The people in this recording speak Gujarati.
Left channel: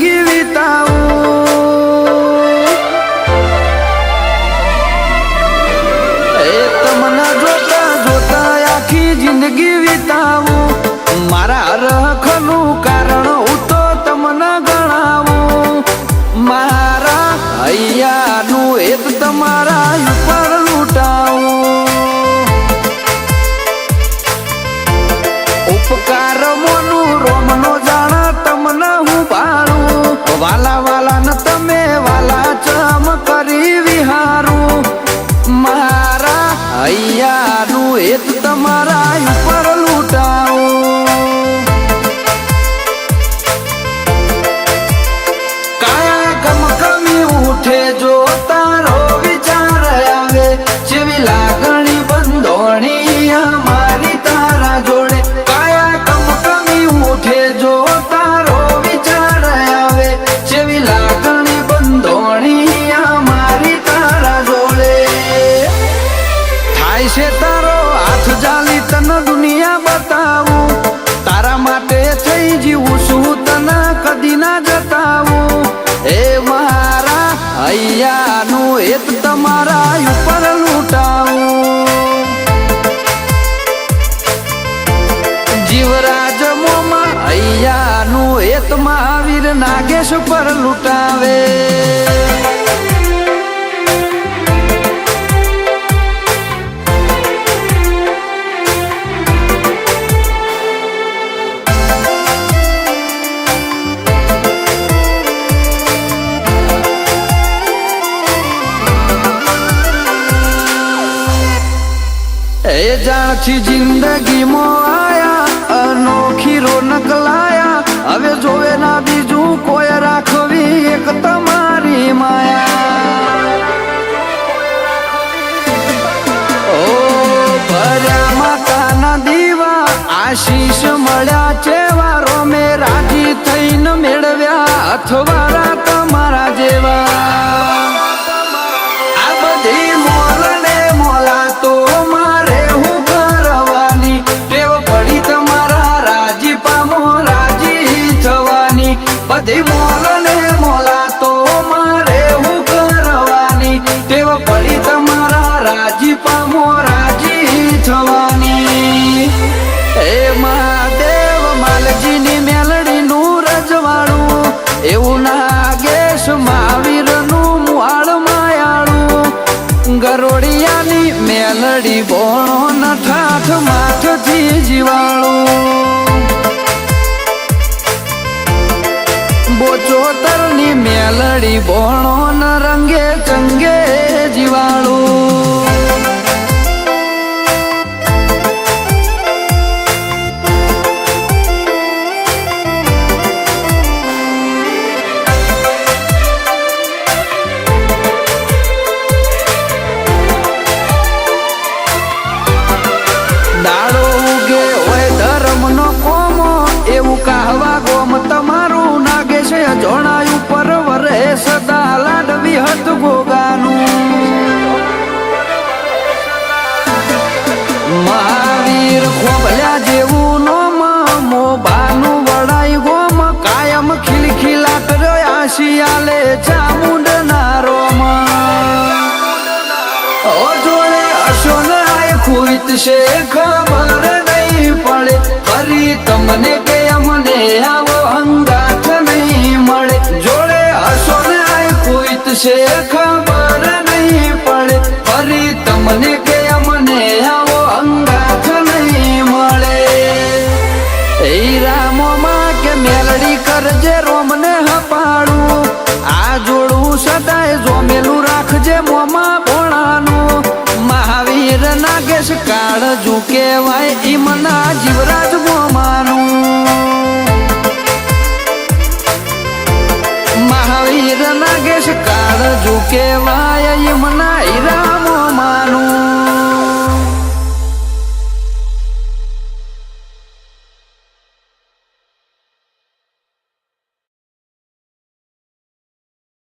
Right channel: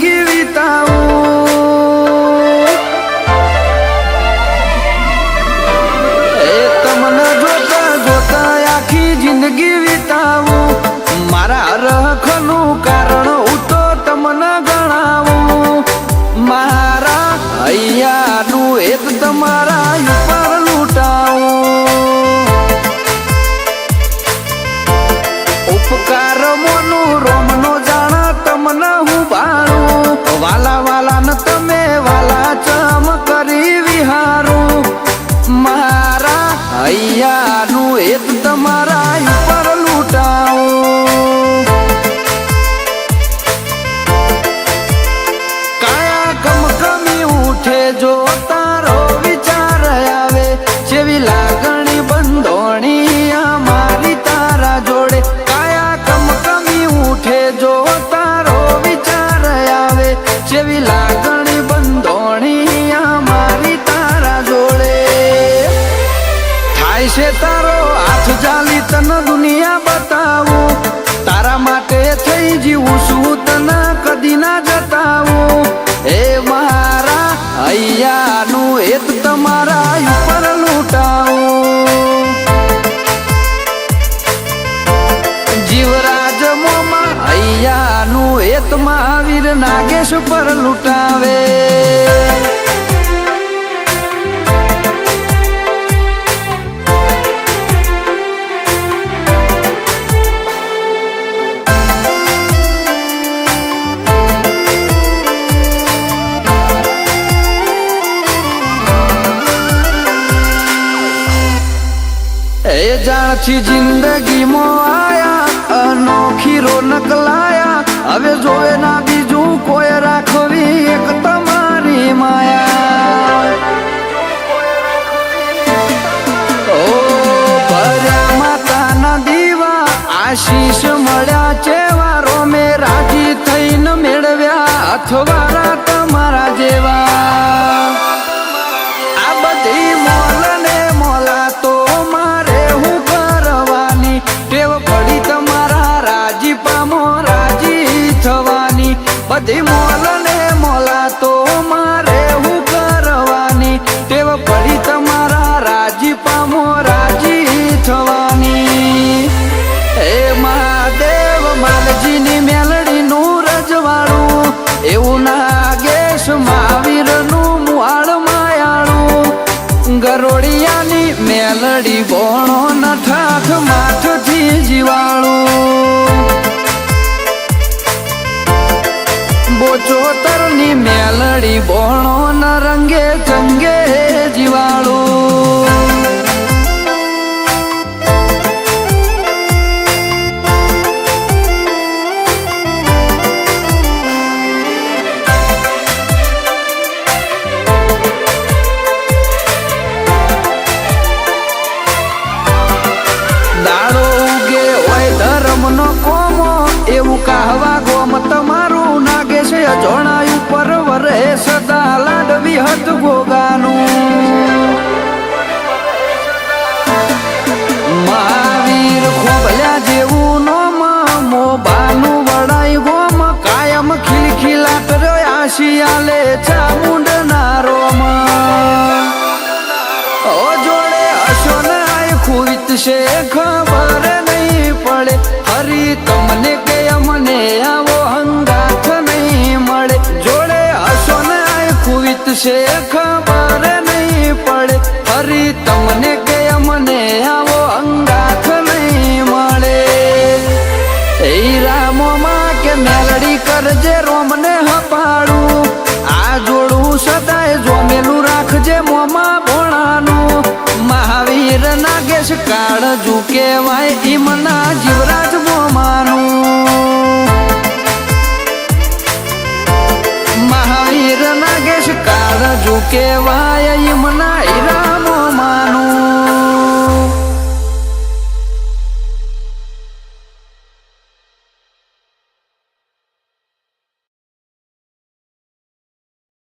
જિંદગી વિતાવું પર લૂટાવે એ જાક્ષી જિંદગીમાં આયા અનોખી રોનક લાયા હવે જોવે ના બીજું કોઈ રાખવી એક તમારી માયા માતાના દીવા આશીષ મળ્યા ચેવારો મે રાજી થઈને મેળવ્યા અથવારા તમારા જેવા આ બધી મોલ ને મોલા તો મારે હું કરવાની ટેવ પડી તમારા રાજી પામો રાજી થવાની બધી મોલ ને મોલા તો મારે હું કરવાની ટેવ પડી તમારા રાજી પામો રાજી થવાની એ મહાદેવ બાલજીની મેલડીનું રજવાડું એવું નાગેશ મહાવીરનું મુહાળ માયાળું ગરોળિયાની મેલડી ગોણ ઠાઠ માથથી જીવાણું બોચોદરની મેલડી ગોણ રંગે ચંગે જીવાણું દાડો ઉગે હોય ધર્મનો કોમો એવું કહાવા ગોમ તમારું નાગેશ અજોણાયું પર વરે સદા લાડવી હત ભોગાનું મહાદેવ ખોભલ્યા જેવું નોમ મોભાનું વણાય ગોમ કાયમ ખીલખીલા કરે આશિયાલે ચામુંડના રોમ જોડે હસો નાય ખુઈત છે ખબર નહીં પડે ફરી તમને